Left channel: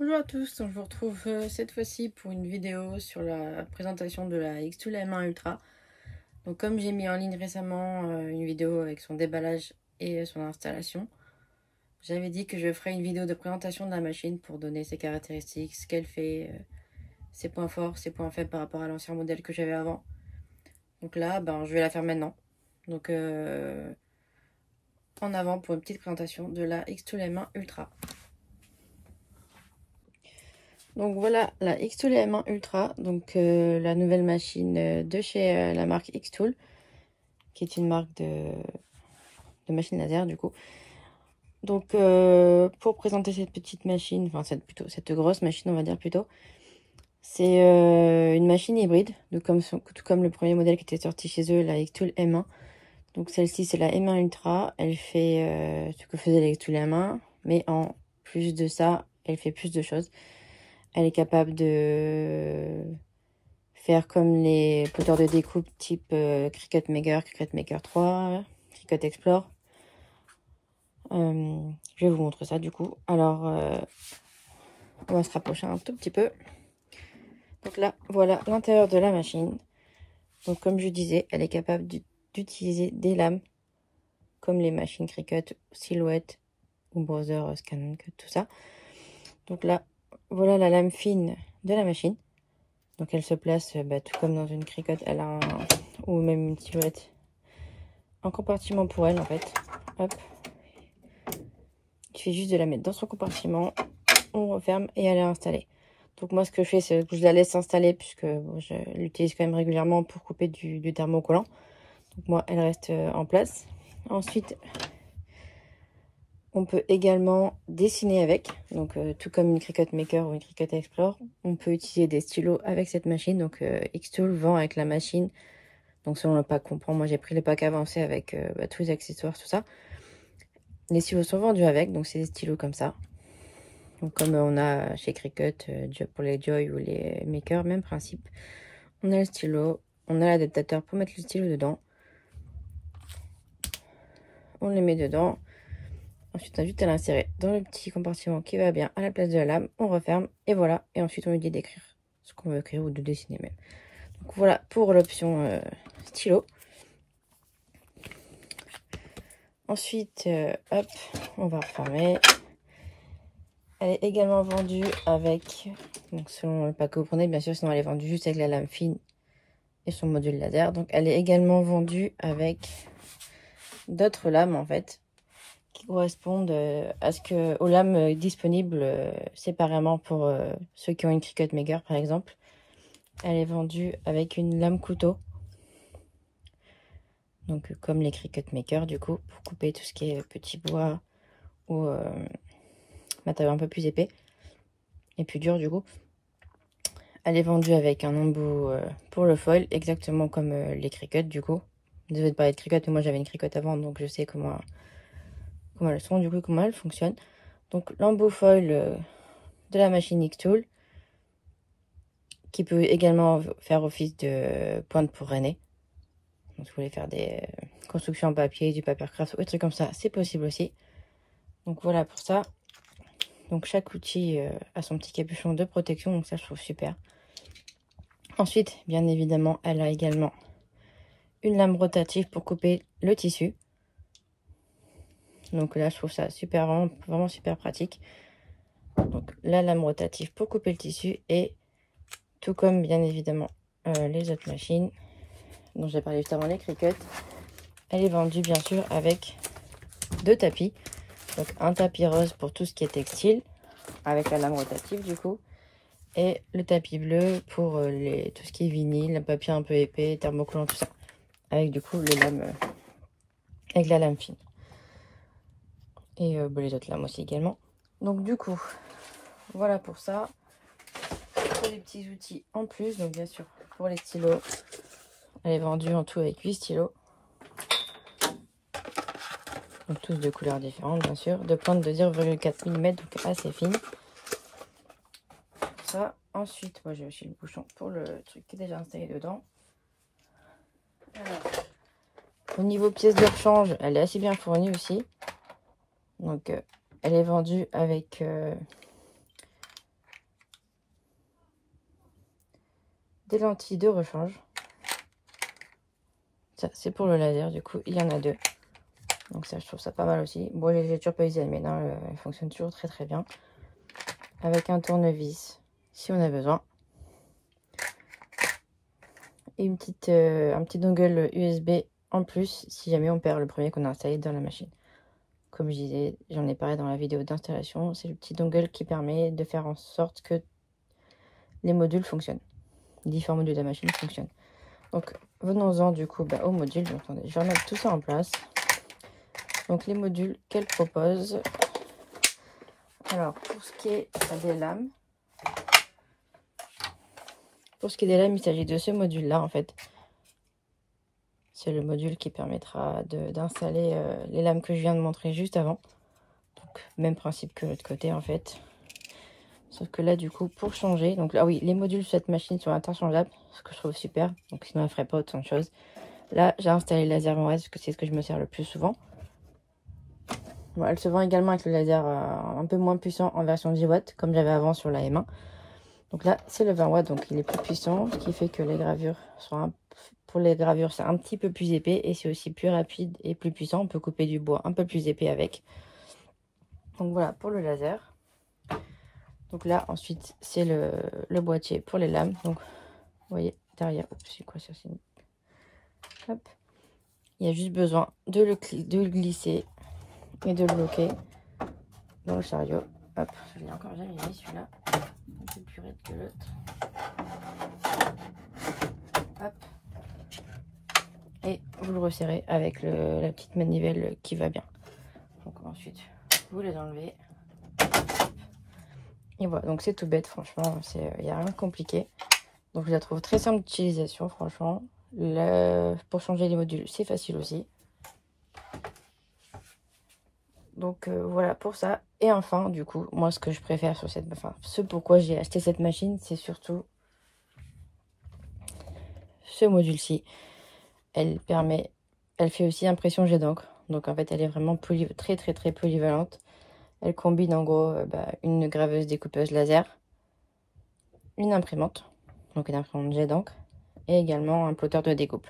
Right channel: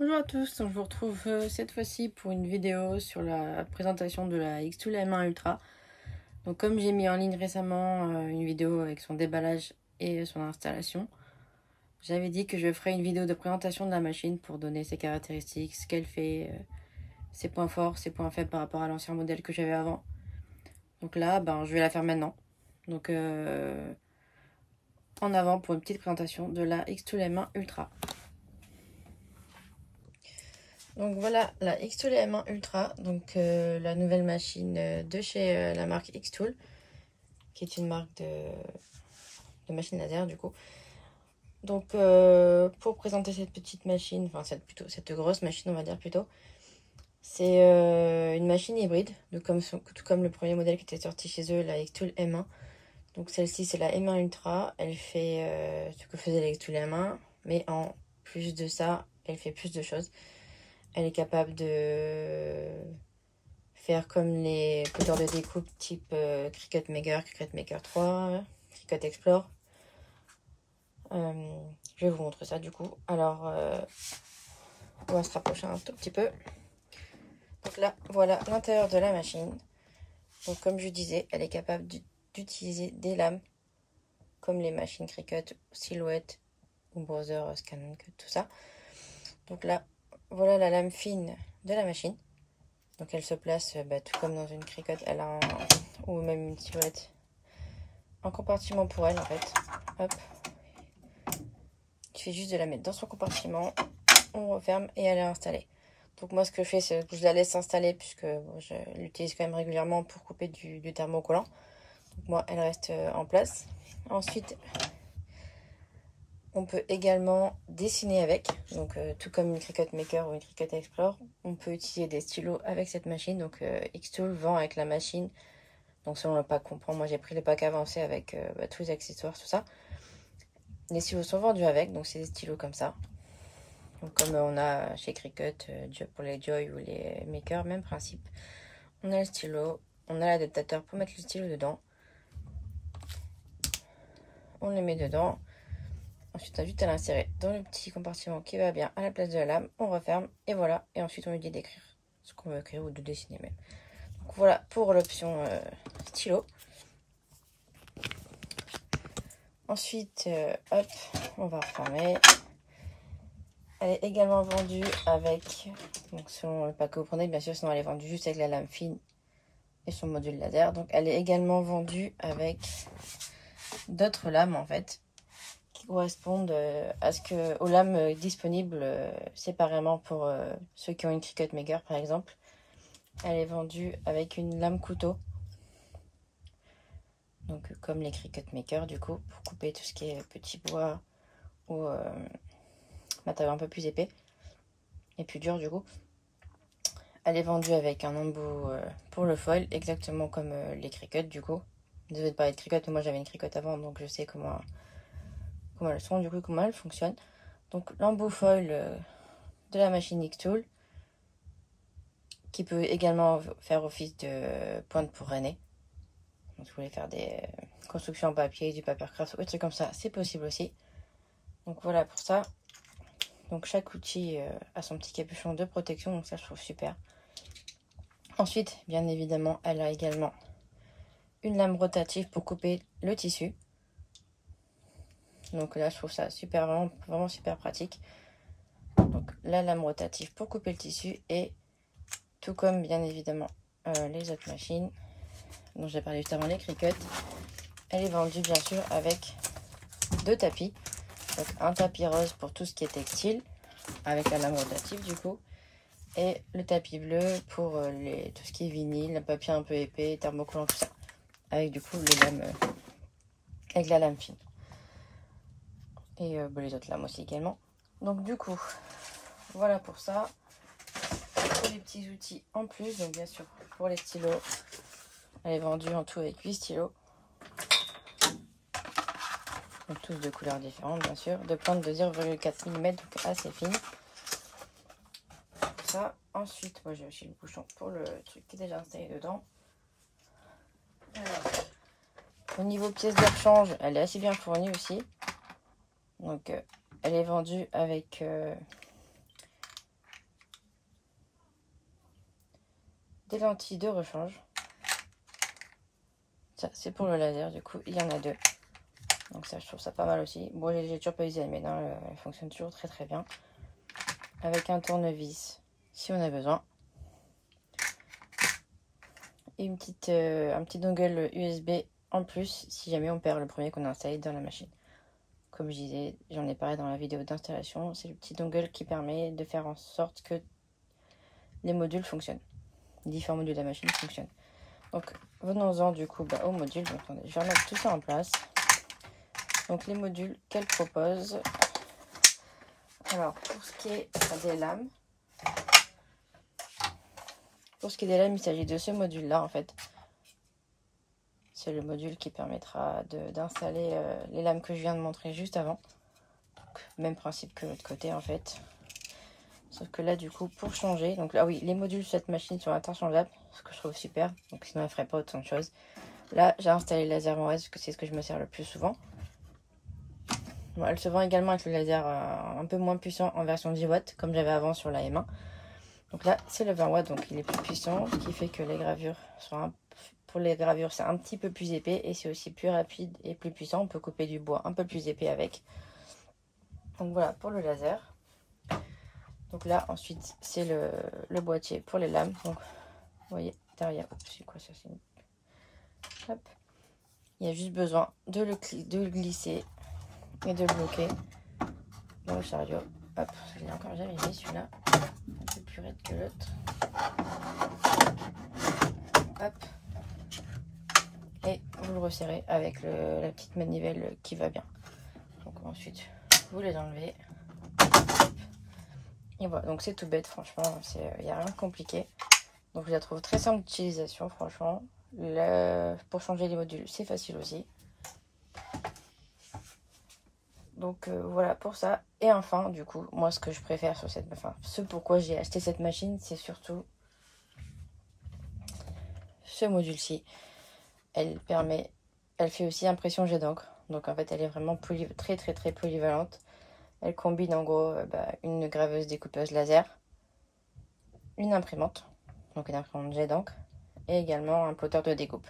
Bonjour à tous, donc je vous retrouve cette fois-ci pour une vidéo sur la présentation de la X-Tool M1 Ultra. Donc comme j'ai mis en ligne récemment une vidéo avec son déballage et son installation, j'avais dit que je ferais une vidéo de présentation de la machine pour donner ses caractéristiques, ce qu'elle fait, ses points forts, ses points faibles par rapport à l'ancien modèle que j'avais avant. Donc là, je vais la faire maintenant. Donc en avant pour une petite présentation de la X-Tool M1 Ultra. Donc voilà la X-Tool M1 Ultra, donc la nouvelle machine de chez la marque X-Tool, qui est une marque de machine laser du coup. Donc pour présenter cette petite machine, enfin cette grosse machine on va dire plutôt, c'est une machine hybride, tout comme le premier modèle qui était sorti chez eux, la X-Tool M1. Donc celle-ci c'est la M1 Ultra, elle fait ce que faisait la X-Tool M1, mais en plus de ça, elle fait plus de choses. Elle est capable de faire comme les poteurs de découpe type Cricut Maker, Cricut Maker 3, Cricut Explore. Je vais vous montrer ça du coup. Alors, on va se rapprocher un tout petit peu. Donc là, voilà l'intérieur de la machine. Donc comme je disais, elle est capable d'utiliser des lames comme les machines Cricut, Silhouette ou Brother, Scan Cut, tout ça. Donc là, voilà la lame fine de la machine. Donc elle se place tout comme dans une Cricut, elle a ou même une Silhouette, un compartiment pour elle en fait. Hop. Il suffit juste de la mettre dans son compartiment, on referme et elle est installée. Donc moi ce que je fais c'est que je la laisse s'installer puisque bon, je l'utilise quand même régulièrement pour couper du thermocollant. Donc moi elle reste en place. Ensuite on peut également dessiner avec, donc tout comme une Cricut Maker ou une Cricut Explore, on peut utiliser des stylos avec cette machine. Donc X-Tool vend avec la machine, donc selon le pack qu'on prend, moi j'ai pris le pack avancé avec tous les accessoires, tout ça. Les stylos sont vendus avec, donc c'est des stylos comme ça. Donc comme on a chez Cricut, pour les Joy ou les Maker, même principe. On a le stylo, on a l'adaptateur pour mettre le stylo dedans. On le met dedans. Ensuite, on a juste à l'insérer dans le petit compartiment qui va bien à la place de la lame. On referme et voilà. Et ensuite, on lui dit d'écrire ce qu'on veut écrire ou de dessiner même. Donc voilà pour l'option stylo. Ensuite, hop, on va refermer. Elle est également vendue avec, donc selon le pack que vous prenez, bien sûr, sinon elle est vendue juste avec la lame fine et son module laser. Donc elle est également vendue avec d'autres lames en fait, qui correspondent aux lames disponibles séparément pour ceux qui ont une Cricut Maker par exemple. Elle est vendue avec une lame couteau, donc comme les Cricut Maker du coup, pour couper tout ce qui est petit bois ou matériau un peu plus épais et plus dur du coup. Elle est vendue avec un embout pour le foil, exactement comme les Cricut du coup. Désolée de parler de Cricut, mais moi j'avais une Cricut avant, donc je sais comment elles sont, du coup comment elles fonctionnent. Donc l'embout foil de la machine X-Tool, qui peut également faire office de pointe pour René. Donc si vous voulez faire des constructions en papier, du papier craft ou des trucs comme ça, c'est possible aussi. Donc voilà pour ça. Donc chaque outil a son petit capuchon de protection, donc ça je trouve super. Ensuite, bien évidemment, elle a également une lame rotative pour couper le tissu. Donc là, je trouve ça super, vraiment super pratique. Donc la lame rotative pour couper le tissu, et tout comme bien évidemment les autres machines dont j'ai parlé juste avant, les Cricut, elle est vendue bien sûr avec deux tapis. Donc un tapis rose pour tout ce qui est textile avec la lame rotative du coup, et le tapis bleu pour tout ce qui est vinyle, le papier un peu épais, thermocollant, tout ça, avec du coup les lames avec la lame fine, et les autres lames aussi également. Donc du coup voilà pour ça, pour les petits outils en plus. Donc bien sûr pour les stylos, elle est vendue en tout avec 8 stylos, donc tous de couleurs différentes bien sûr, de pointe de 0,4 mm, donc assez fine. Ça, ensuite moi j'ai aussi le bouchon pour le truc qui est déjà installé dedans. Alors, au niveau pièces de rechange, elle est assez bien fournie aussi. Donc elle est vendue avec des lentilles de rechange. Ça, c'est pour le laser, du coup, il y en a 2. Donc ça, je trouve ça pas mal aussi. Bon, j'ai toujours pas usé, mais non, elle fonctionne toujours très très bien. Avec un tournevis, si on a besoin. Et un petit dongle USB en plus, si jamais on perd le premier qu'on a installé dans la machine. Comme je disais, j'en ai parlé dans la vidéo d'installation, c'est le petit dongle qui permet de faire en sorte que les modules fonctionnent. Les différents modules de la machine fonctionnent. Donc, venons-en du coup au module. Attendez, je vais remettre tout ça en place. Donc, les modules qu'elle propose. Alors, pour ce qui est des lames, il s'agit de ce module-là, en fait. C'est le module qui permettra d'installer les lames que je viens de montrer juste avant. Donc, même principe que l'autre côté, en fait. Sauf que là, du coup, pour changer... Donc là, oui, les modules sur cette machine sont interchangeables, ce que je trouve super. Donc sinon, elle ne ferait pas autant de choses. Là, j'ai installé le laser en base, parce que c'est ce que je me sers le plus souvent. Bon, elle se vend également avec le laser un peu moins puissant en version 10 watts, comme j'avais avant sur la M1. Donc là, c'est le 20 watts, donc il est plus puissant, ce qui fait que les gravures sont pour les gravures, c'est un petit peu plus épais et c'est aussi plus rapide et plus puissant. On peut couper du bois un peu plus épais avec. Donc voilà pour le laser. Donc là, ensuite, c'est le boîtier pour les lames. Donc, vous voyez, derrière, c'est quoi ça? Hop. Il y a juste besoin de le glisser et de le bloquer dans le chariot. Hop, je l'ai encore jamais mis celui-là. Un peu plus raide que l'autre. Hop. Et vous le resserrez avec la petite manivelle qui va bien. Donc ensuite, vous les enlevez. Et voilà, donc c'est tout bête, franchement, il n'y a rien de compliqué. Donc je la trouve très simple d'utilisation, franchement. Pour changer les modules, c'est facile aussi. Donc voilà pour ça. Et enfin, du coup, moi ce que je préfère sur cette... Enfin, ce pourquoi j'ai acheté cette machine, c'est surtout ce module-ci. Elle fait aussi impression jet d'encre. Donc en fait, elle est vraiment très très très polyvalente. Elle combine en gros une graveuse découpeuse laser, une imprimante, donc une imprimante jet d'encre, et également un plotter de découpe.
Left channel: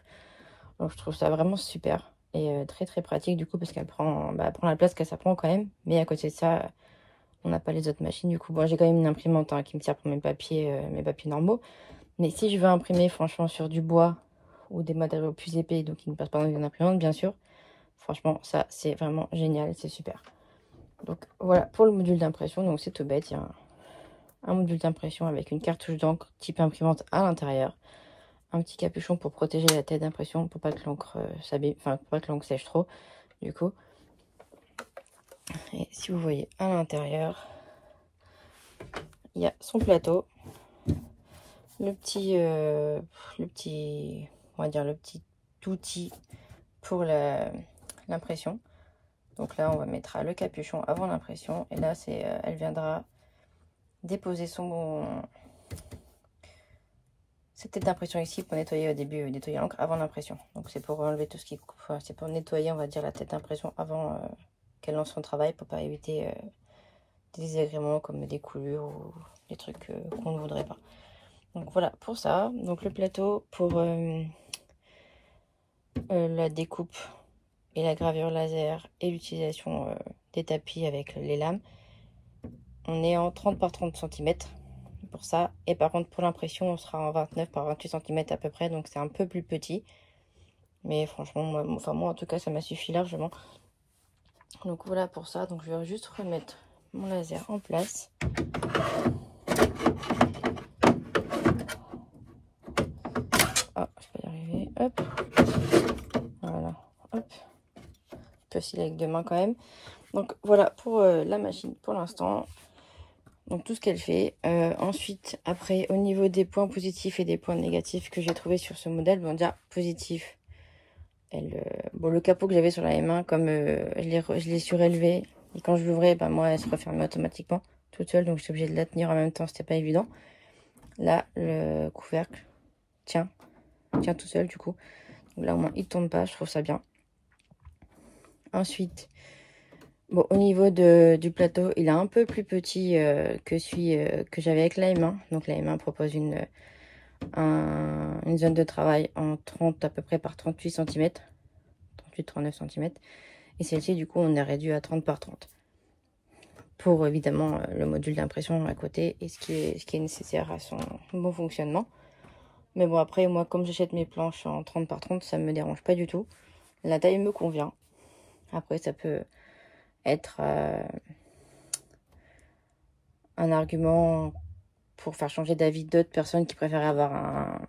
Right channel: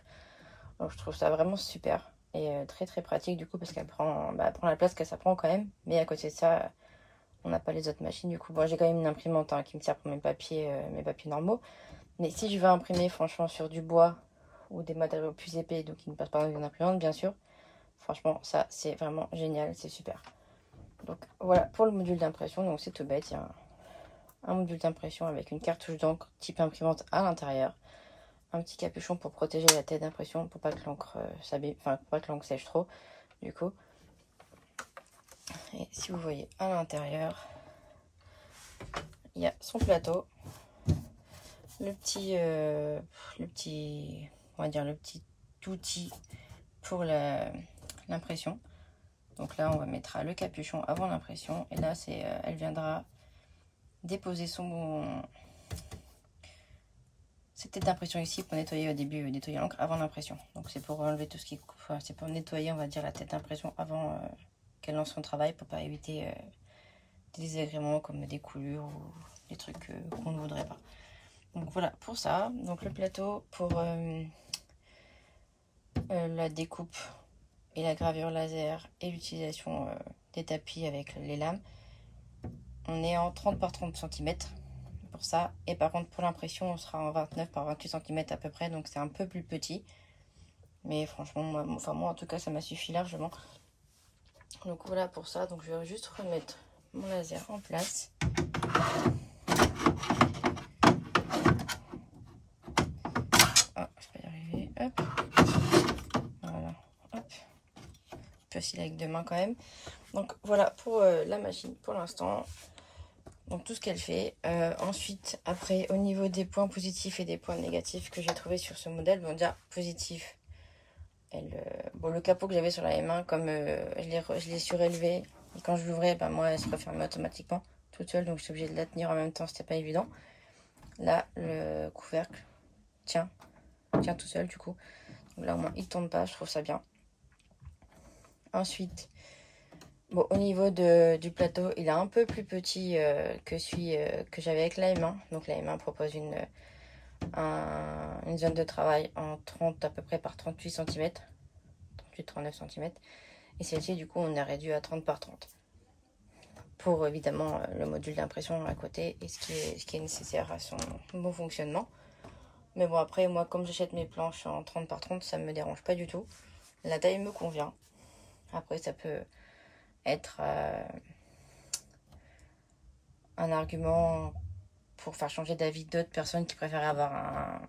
Donc je trouve ça vraiment super et très très pratique du coup parce qu'elle prend, elle prend la place que ça prend quand même. Mais à côté de ça, on n'a pas les autres machines du coup. Bon, j'ai quand même une imprimante qui me sert pour mes papiers normaux. Mais si je veux imprimer franchement sur du bois ou des matériaux plus épais, donc qui ne passent pas dans une imprimante bien sûr, franchement ça c'est vraiment génial, c'est super. Donc voilà pour le module d'impression. Donc c'est tout bête, il y a un module d'impression avec une cartouche d'encre type imprimante à l'intérieur, un petit capuchon pour protéger la tête d'impression pour pas que l'encre s'abîme, enfin pour pas que l'encre sèche trop du coup. Et si vous voyez à l'intérieur, il y a son plateau, le petit on va dire le petit outil pour l'impression. Donc là on va mettre le capuchon avant l'impression et là c'est elle viendra déposer cette tête d'impression ici pour nettoyer au début, nettoyer l'encre avant l'impression. Donc c'est pour enlever tout ce qui... Enfin, c'est pour nettoyer on va dire la tête d'impression avant qu'elle lance son travail pour pas éviter des désagréments comme des coulures ou des trucs qu'on ne voudrait pas. Donc voilà pour ça. Donc le plateau pour la découpe et la gravure laser et l'utilisation des tapis avec les lames. On est en 30 par 30 cm pour ça. Et par contre pour l'impression on sera en 29 par 28 cm à peu près. Donc c'est un peu plus petit. Mais franchement, moi en tout cas ça m'a suffi largement. Donc voilà pour ça. Donc je vais juste remettre mon laser en place. Ah, je vais y arriver. Hop. Voilà. Hop. Facile avec deux mains quand même. Donc voilà pour la machine pour l'instant. Donc tout ce qu'elle fait. Ensuite, après, au niveau des points positifs et des points négatifs que j'ai trouvé sur ce modèle, bon déjà positif. Bon, le capot que j'avais sur la M1, comme je l'ai surélevé, et quand je l'ouvrais, moi elle se refermait automatiquement toute seule, donc j'étais obligée de la tenir en même temps, c'était pas évident. Là, le couvercle tient tout seul du coup. Donc là au moins il tombe pas, je trouve ça bien. Ensuite, bon, au niveau du plateau, il est un peu plus petit que celui que j'avais avec la M1. Donc la M1 propose une zone de travail en 30 à peu près par 38 cm, 38-39 cm. Et celle-ci, du coup, on a réduit à 30 par 30. Pour évidemment le module d'impression à côté et ce qui est nécessaire à son bon fonctionnement. Mais bon, après, moi, comme j'achète mes planches en 30 par 30, ça ne me dérange pas du tout. La taille me convient. Après, ça peut être un argument pour faire changer d'avis d'autres personnes qui préfèrent avoir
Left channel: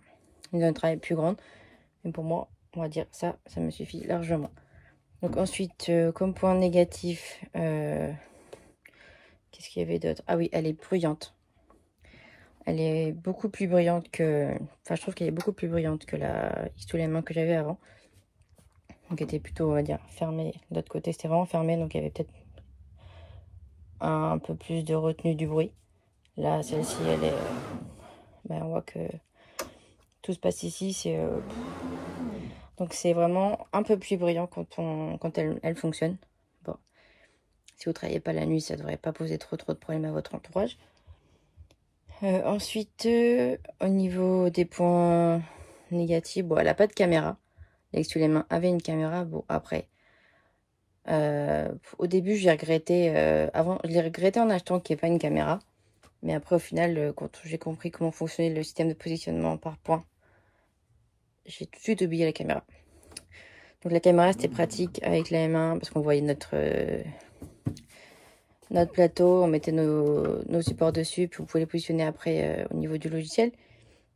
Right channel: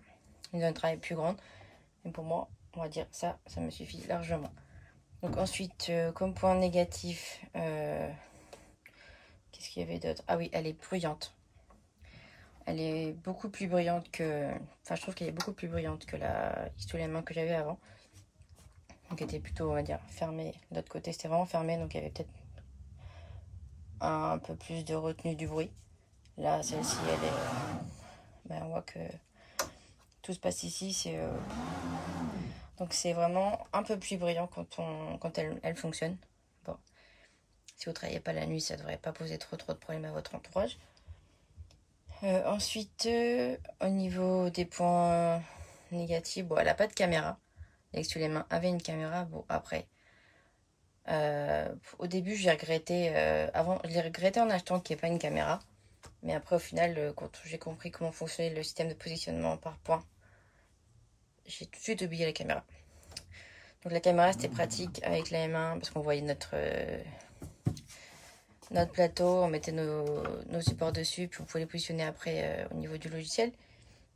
une zone de travail plus grande. Mais pour moi, on va dire ça me suffit largement. Donc ensuite, comme point négatif, qu'est-ce qu'il y avait d'autre? Ah oui, elle est bruyante. Elle est beaucoup plus bruyante que... Enfin, je trouve qu'elle est beaucoup plus bruyante que la X2 que j'avais avant. Donc, elle était plutôt, on va dire, fermée. De l'autre côté, c'était vraiment fermé. Donc, il y avait peut-être un peu plus de retenue du bruit. Là, celle-ci, elle est... on voit que tout se passe ici. Donc, c'est vraiment un peu plus bruyant quand elle fonctionne. Bon. Si vous ne travaillez pas la nuit, ça ne devrait pas poser trop de problèmes à votre entourage. Ensuite, au niveau des points négatifs, bon, elle n'a pas de caméra. L'X2 avait une caméra. Bon, après, au début, j'ai regretté. Je l'ai regretté en achetant qu'il n'y ait pas une caméra. Mais après, au final, quand j'ai compris comment fonctionnait le système de positionnement par point, j'ai tout de suite oublié la caméra. Donc, la caméra, c'était pratique avec la M1 parce qu'on voyait notre plateau, on mettait nos supports dessus, puis vous pouvez les positionner après au niveau du logiciel.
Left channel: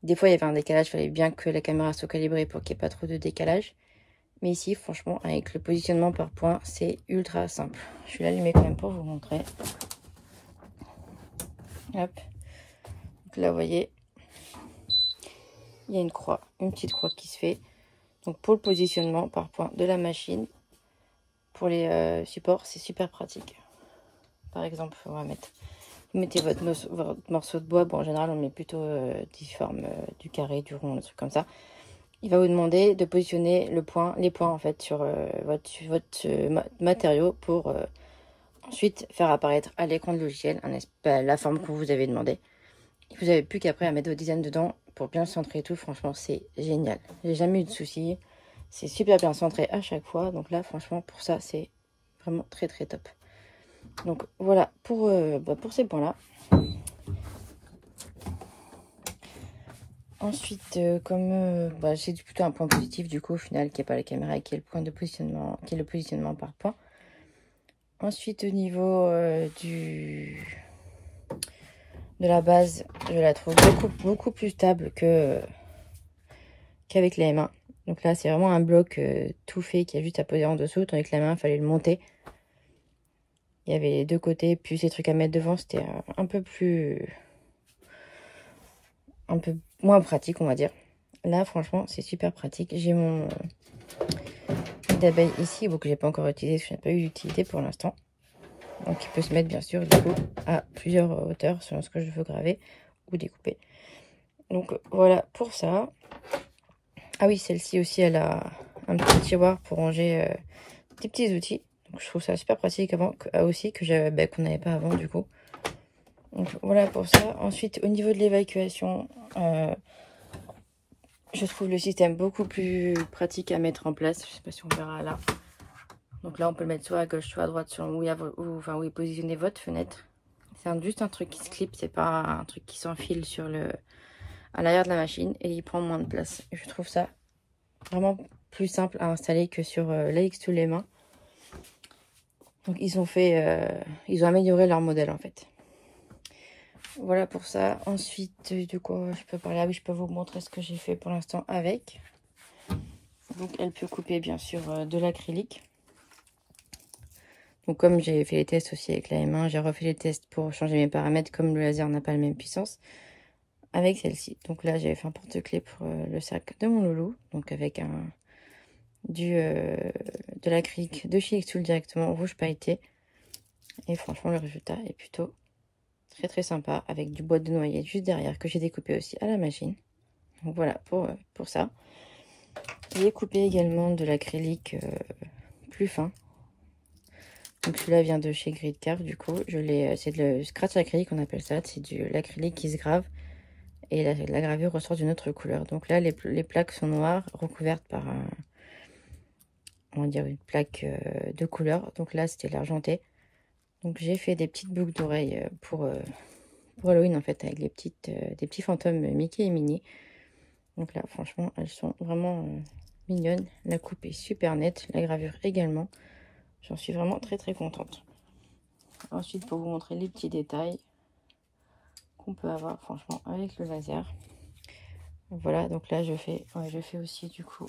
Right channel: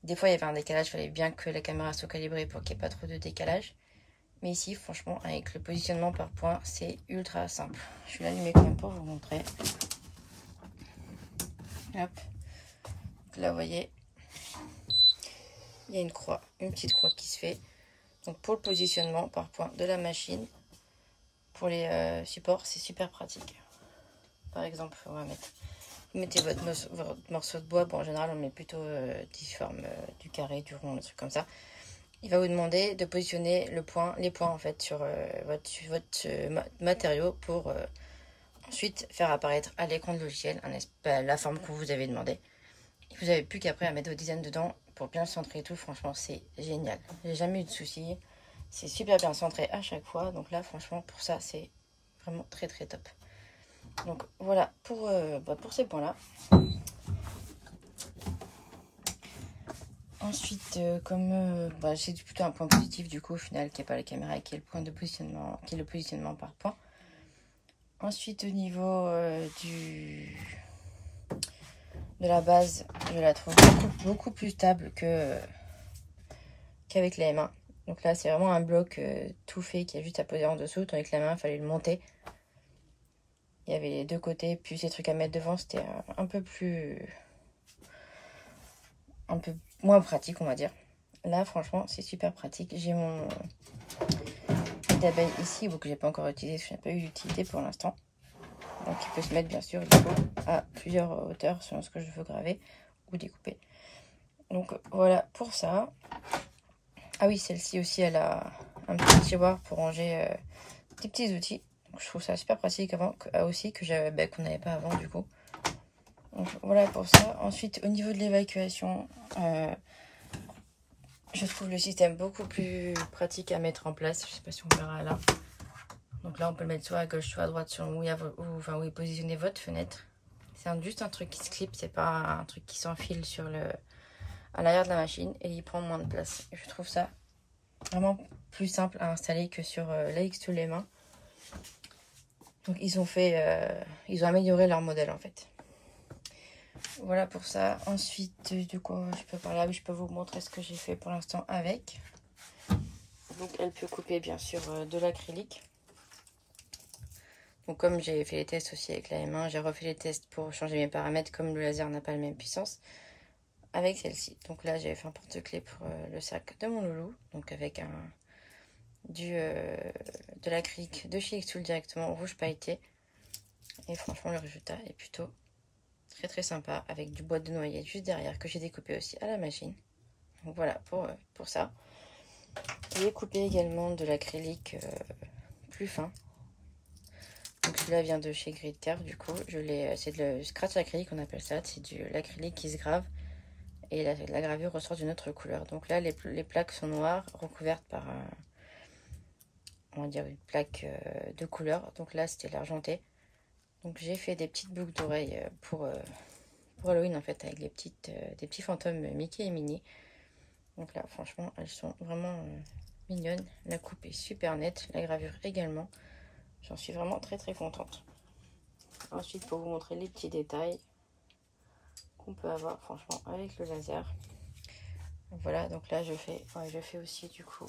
Des fois, il y avait un décalage, il fallait bien que la caméra soit calibrée pour qu'il n'y ait pas trop de décalage. Mais ici, franchement, avec le positionnement par point, c'est ultra simple. Je vais l'allumer quand même pour vous montrer. Hop. Donc là, vous voyez, il y a une petite croix qui se fait. Donc pour le positionnement par point de la machine, pour les supports, c'est super pratique. Par exemple, on va mettre... Vous mettez votre morceau de bois. Bon, en général, on met plutôt difforme, du carré, du rond, des trucs comme ça. Il va vous demander de positionner les points en fait sur votre matériau pour ensuite faire apparaître à l'écran de logiciel la forme que vous avez demandé. Vous n'avez plus qu'après à mettre vos dizaines dedans pour bien le centrer et tout. Franchement, c'est génial. J'ai jamais eu de soucis. C'est super bien centré à chaque fois. Donc là, franchement, pour ça, c'est vraiment très très top. Donc voilà pour ces points-là. Ensuite, comme c'est plutôt un point positif du coup au final qui n'est pas la caméra et qui est le point de positionnement, qui est le positionnement par point. Ensuite, au niveau de la base, je la trouve beaucoup plus stable qu'avec la M1. Donc là, c'est vraiment un bloc tout fait qui a juste à poser en dessous. Tandis que la main, il fallait le monter. Il y avait les deux côtés, puis ces trucs à mettre devant, c'était un peu moins pratique, on va dire. Là, franchement, c'est super pratique. J'ai mon nid d'abeille ici, que j'ai pas encore utilisé, parce que je n'ai pas eu d'utilité pour l'instant. Donc, il peut se mettre, bien sûr, du coup, à plusieurs hauteurs, selon ce que je veux graver ou découper. Donc, voilà pour ça. Ah oui, celle-ci aussi, elle a un petit tiroir pour ranger des petits outils. Donc, je trouve ça super pratique aussi, qu'on n'avait pas avant, du coup. Donc, voilà pour ça. Ensuite, au niveau de l'évacuation, je trouve le système beaucoup plus pratique à mettre en place. Je ne sais pas si on verra là. Donc là, on peut le mettre soit à gauche, soit à droite, selon où est positionnée votre fenêtre. C'est juste un truc qui se clip, c'est pas un truc qui s'enfile à l'arrière de la machine et il prend moins de place. Et je trouve ça vraiment plus simple à installer que sur la X2 Donc ils ont amélioré leur modèle en fait. Voilà pour ça. Ensuite, de quoi je peux parler? Je peux vous montrer ce que j'ai fait pour l'instant avec. Donc elle peut couper bien sûr de l'acrylique. Donc comme j'ai fait les tests aussi avec la M1, j'ai refait les tests pour changer mes paramètres comme le laser n'a pas la même puissance avec celle-ci. Donc là j'avais fait un porte-clés pour le sac de mon loulou, donc avec de l'acrylique de chez Xtool directement rouge pailleté. Et franchement le résultat est plutôt très très sympa avec du bois de noyer juste derrière que j'ai découpé aussi à la machine. Donc voilà pour ça. J'ai coupé également de l'acrylique plus fin. Donc celui-là vient de chez Grid Curve, du coup, c'est le scratch acrylique, on appelle ça, c'est de l'acrylique qui se grave et la gravure ressort d'une autre couleur. Donc là, les plaques sont noires, recouvertes par on va dire une plaque de couleur. Donc là, c'était l'argenté. Donc j'ai fait des petites boucles d'oreilles pour Halloween en fait, avec des petits fantômes Mickey et Minnie. Donc là, franchement, elles sont vraiment mignonnes. La coupe est super nette, la gravure également. J'en suis vraiment très très contente. Ensuite, pour vous montrer les petits détails qu'on peut avoir franchement avec le laser. Voilà, donc là je fais aussi du coup.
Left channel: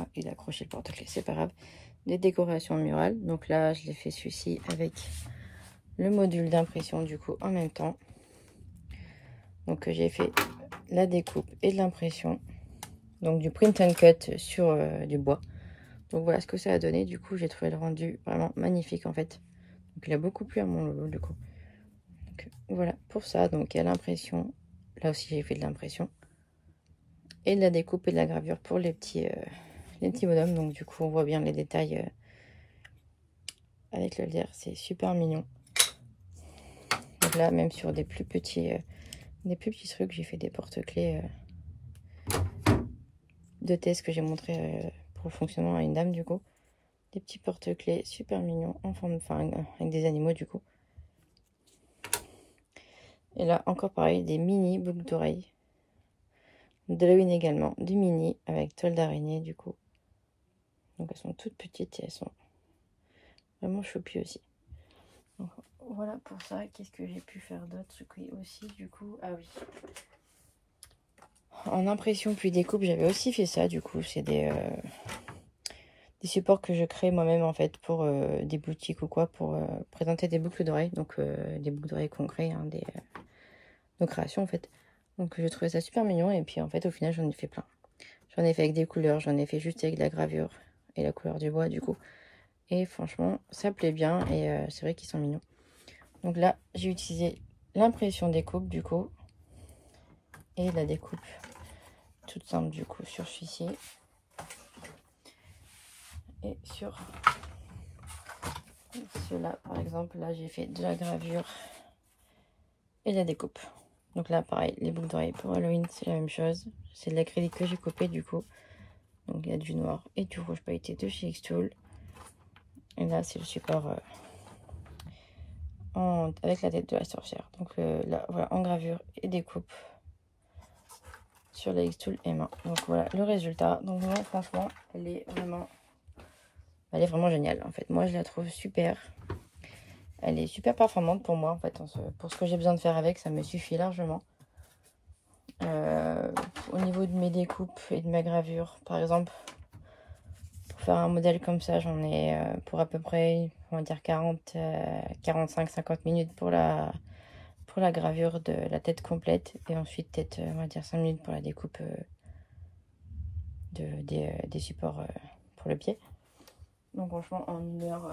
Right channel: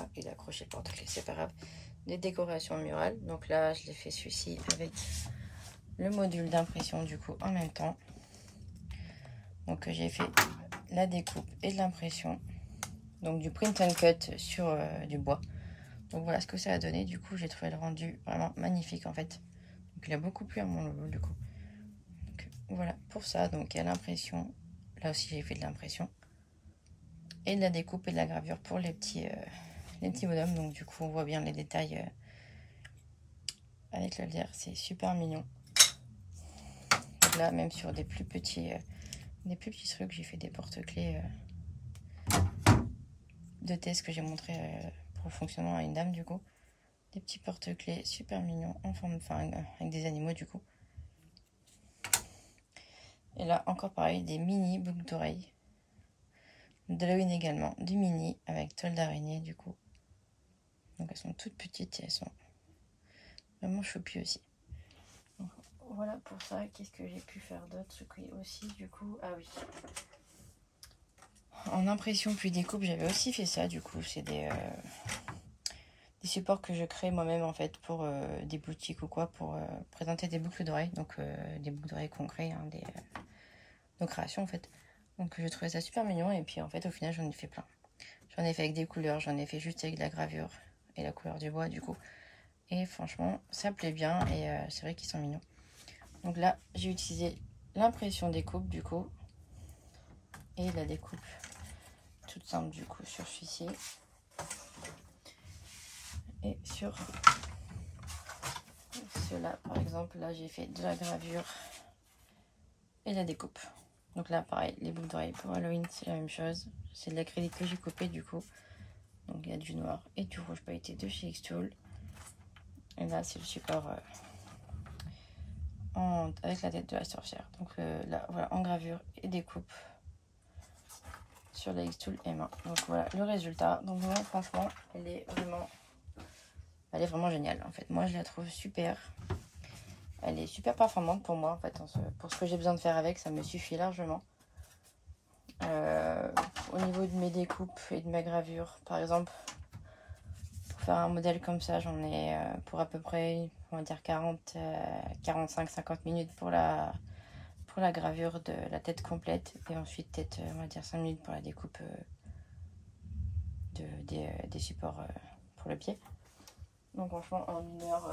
Ah, il a accroché le porte-clés, c'est pas grave. Des décorations murales. Donc là, je l'ai fait celui-ci avec le module d'impression du coup en même temps. Donc j'ai fait la découpe et de l'impression. Donc du print and cut sur du bois. Donc voilà ce que ça a donné. Du coup, j'ai trouvé le rendu vraiment magnifique en fait. Donc il a beaucoup plu à mon logo du coup. Donc, voilà pour ça. Donc il y a l'impression. Là aussi, j'ai fait de l'impression. Et de la découpe et de la gravure pour les petits bonhommes. Donc du coup, on voit bien les détails avec le lierre. C'est super mignon. Donc là, même sur des plus petits trucs, j'ai fait des porte-clés de test que j'ai montré pour le fonctionnement à une dame du coup. Des petits porte-clés super mignons en forme, enfin avec des animaux du coup. Et là encore pareil, des mini boucles d'oreilles d'Halloween également, du mini avec toile d'araignée du coup. Donc elles sont toutes petites et elles sont vraiment choupies aussi. Donc, voilà pour ça. Qu'est-ce que j'ai pu faire d'autre aussi du coup? Ah oui. En impression puis découpe, j'avais aussi fait ça du coup. C'est des supports que je crée moi-même en fait pour des boutiques ou quoi, pour présenter des boucles d'oreilles. Donc des boucles d'oreilles qu'on crée, hein, de création en fait. Donc je trouvais ça super mignon et puis en fait au final j'en ai fait plein. J'en ai fait avec des couleurs, j'en ai fait juste avec de la gravure et la couleur du bois du coup. Et franchement ça plaît bien et c'est vrai qu'ils sont mignons. Donc là j'ai utilisé l'impression découpe du coup et la découpe toute simple du coup sur celui-ci et sur ceux-là par exemple. Là j'ai fait de la gravure et de la découpe. Donc là pareil, les boucles d'oreilles pour Halloween c'est la même chose. C'est de l'acrylique que j'ai coupé du coup. Donc il y a du noir et du rouge pailleté de chez Xtool. Et là c'est le support avec la tête de la sorcière. Donc là voilà, en gravure et découpe sur la Xtool M1. Donc voilà le résultat. Donc moi franchement elle est vraiment géniale en fait. Moi je la trouve super. Elle est super performante pour moi en fait. Pour ce que j'ai besoin de faire avec, ça me suffit largement. Au niveau de mes découpes et de ma gravure par exemple, pour faire un modèle comme ça j'en ai pour à peu près on va dire 45-50 minutes pour la gravure de la tête complète et ensuite peut-être on va dire 5 minutes pour la découpe des supports pour le pied. Donc franchement en une heure,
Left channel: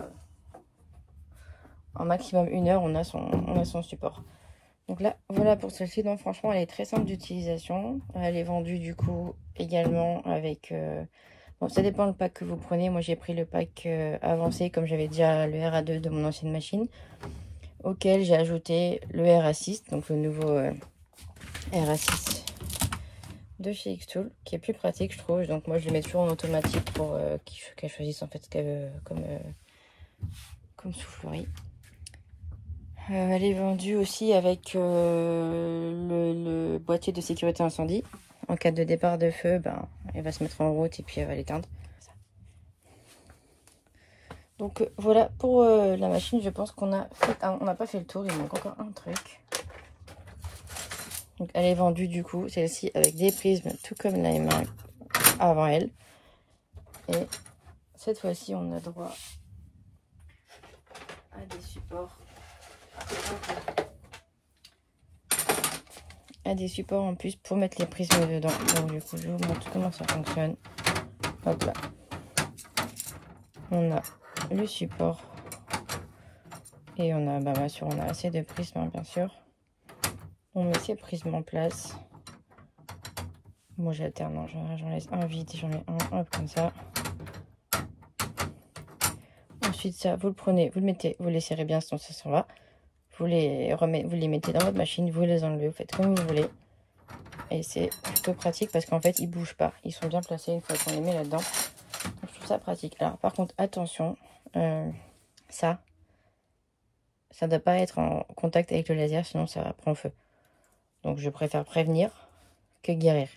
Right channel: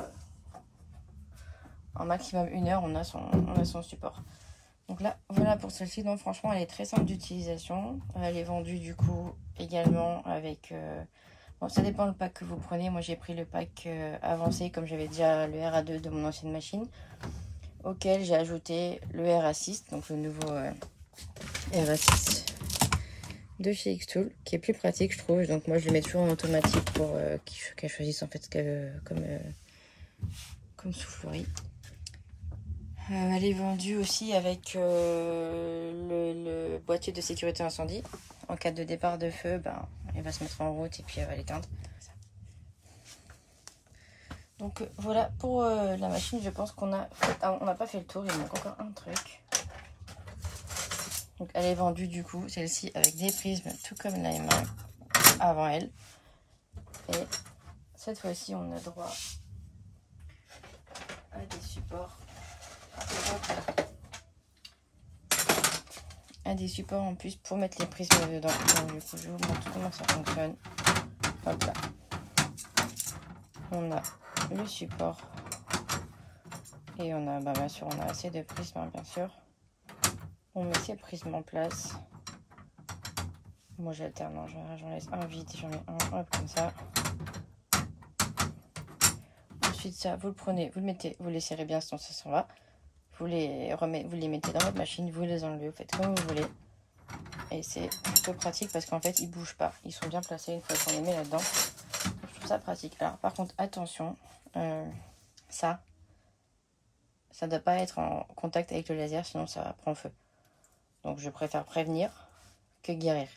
en maximum 1 heure on a son support. Donc là, voilà pour celle-ci. Donc franchement, elle est très simple d'utilisation. Elle est vendue du coup également avec... bon, ça dépend le pack que vous prenez. Moi, j'ai pris le pack avancé, comme j'avais déjà le RA2 de mon ancienne machine, auquel j'ai ajouté le RA6, donc le nouveau RA6 de chez Xtool, qui est plus pratique, je trouve. Donc moi, je le mets toujours en automatique pour qu'elle choisisse en fait comme soufflerie. Elle est vendue aussi avec le boîtier de sécurité incendie. En cas de départ de feu, ben, elle va se mettre en route et puis elle va l'éteindre. Donc voilà pour la machine. Je pense qu'on a on n'a pas fait le tour. Il manque encore un truc. Donc elle est vendue du coup, celle-ci avec des prismes, tout comme la M1 avant elle. Et cette fois-ci, on a droit à des supports. Des supports en plus pour mettre les prismes dedans. Donc du coup je vous montre comment ça fonctionne. Hop là. On a le support et on a bien sûr on a assez de prismes hein, bien sûr. On met ces prismes en place. Moi j'alterne, j'en laisse un vide, j'en mets un hop comme ça. Ensuite ça vous le prenez, vous le mettez, vous le laisserez bien sinon ça s'en va. vous les mettez dans votre machine, vous les enlevez, vous faites comme vous voulez. Et c'est plutôt pratique parce qu'en fait, ils bougent pas. Ils sont bien placés une fois qu'on les met là-dedans. Je trouve ça pratique. Alors, par contre, attention, ça ne doit pas être en contact avec le laser, sinon ça prend feu. Donc, je préfère prévenir que guérir.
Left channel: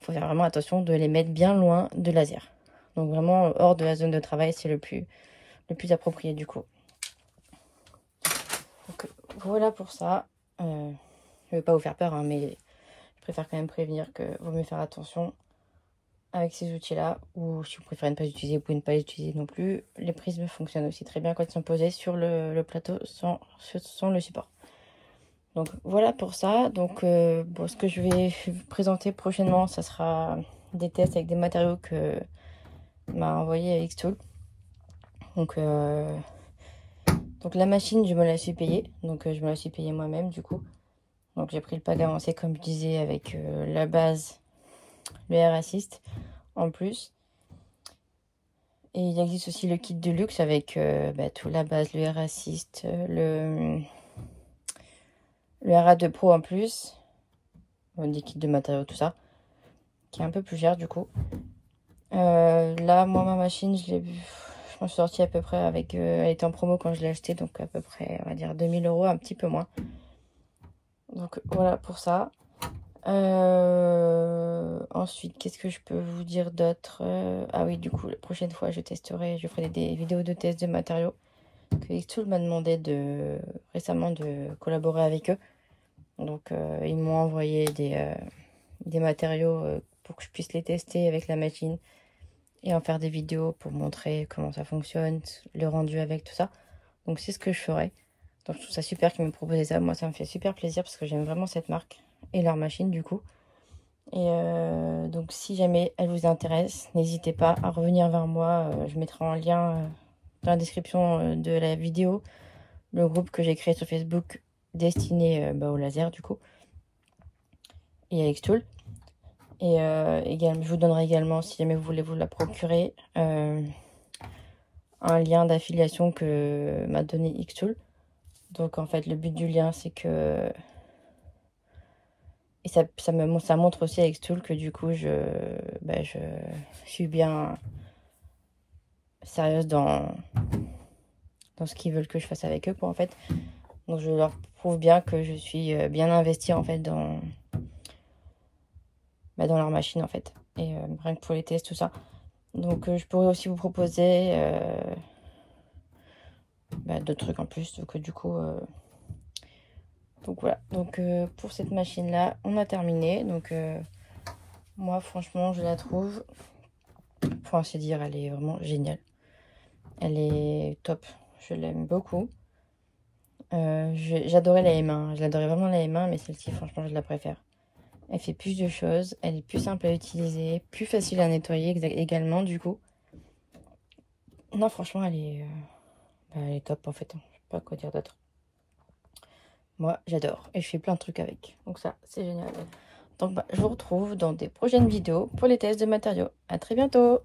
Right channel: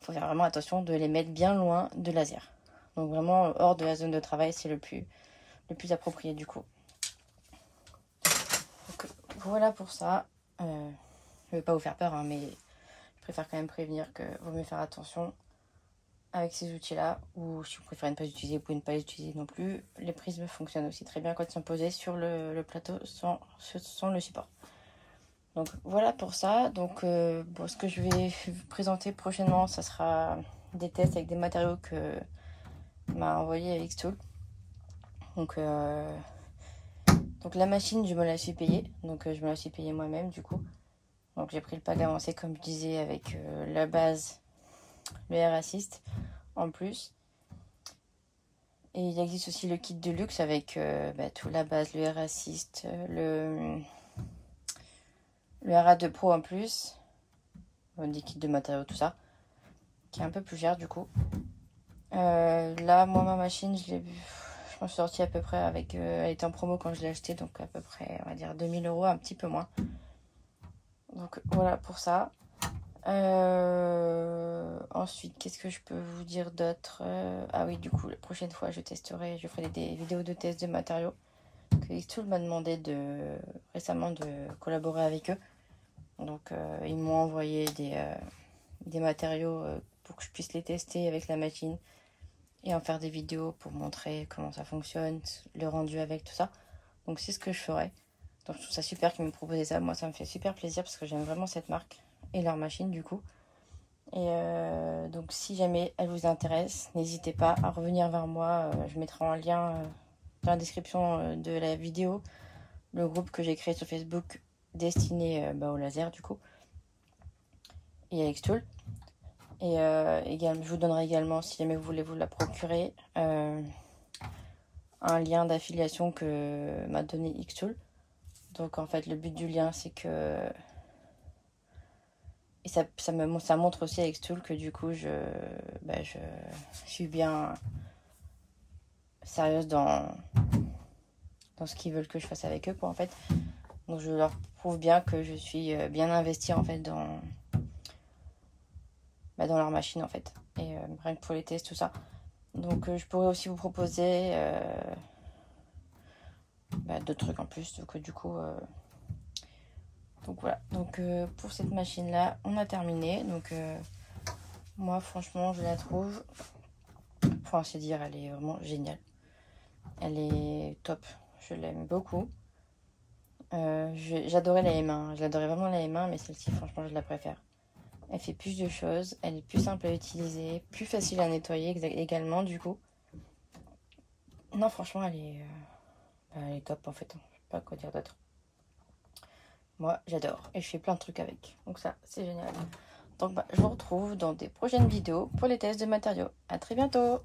Il faut faire vraiment attention de les mettre bien loin de laser. Donc, vraiment, hors de la zone de travail, c'est le plus approprié du coup. Donc, voilà pour ça. Je ne vais pas vous faire peur, hein, mais je préfère quand même prévenir que vaut mieux faire attention avec ces outils-là. Ou si vous préférez ne pas les utiliser, vous pouvez ne pas les utiliser non plus. Les prismes fonctionnent aussi très bien quand ils sont posés sur le plateau sans le support. Donc voilà pour ça. Donc bon, ce que je vais présenter prochainement, ça sera des tests avec des matériaux que m'a envoyé Xtool. Donc la machine, je me la suis payée. Donc je me la suis payée moi-même du coup. Donc j'ai pris le pack avancé comme je disais avec la base, le Air Assist en plus. Et il existe aussi le kit de luxe avec tout la base, le Air Assist, le RA2 Pro en plus. Des kits de matériaux, tout ça. Qui est un peu plus cher du coup. Là, moi, ma machine, je m'en suis sortie à peu près avec... elle était en promo quand je l'ai acheté, donc à peu près, on va dire 2000 €, un petit peu moins. Donc voilà pour ça. Ensuite, qu'est-ce que je peux vous dire d'autre? Ah oui, du coup, la prochaine fois, je ferai des vidéos de tests de matériaux. Que Xtool m'a demandé récemment de collaborer avec eux. Donc, ils m'ont envoyé des matériaux pour que je puisse les tester avec la machine et en faire des vidéos pour montrer comment ça fonctionne, le rendu avec tout ça. Donc, c'est ce que je ferai. Donc, je trouve ça super qu'ils m'aient proposé ça. Moi, ça me fait super plaisir parce que j'aime vraiment cette marque et leur machine du coup. Et donc, si jamais elle vous intéresse, n'hésitez pas à revenir vers moi. Je mettrai un lien dans la description de la vidéo, le groupe que j'ai créé sur Facebook destiné au laser du coup et à Xtool. Et je vous donnerai également, si jamais vous voulez vous la procurer, un lien d'affiliation que m'a donné Xtool. Donc en fait le but du lien c'est que... Et ça montre aussi à Xtool que du coup je suis bien sérieuse dans ce qu'ils veulent que je fasse avec eux quoi en fait. Donc je leur prouve bien que je suis bien investie en fait dans leur machine en fait. Et rien que pour les tests tout ça. Donc je pourrais aussi vous proposer d'autres trucs en plus. Donc du coup... Donc voilà, donc pour cette machine là on a terminé. Donc moi franchement je la trouve, faut ainsi dire, elle est vraiment géniale, elle est top, je l'aime beaucoup. J'adorais la M1, j'adorais vraiment la M1, mais celle-ci franchement je la préfère. Elle fait plus de choses, elle est plus simple à utiliser, plus facile à nettoyer également du coup. Non franchement elle est top en fait, je sais pas quoi dire d'autre. Moi, j'adore et je fais plein de trucs avec. Donc ça, c'est génial. Donc, je vous retrouve dans des prochaines vidéos pour les tests de matériaux. À très bientôt!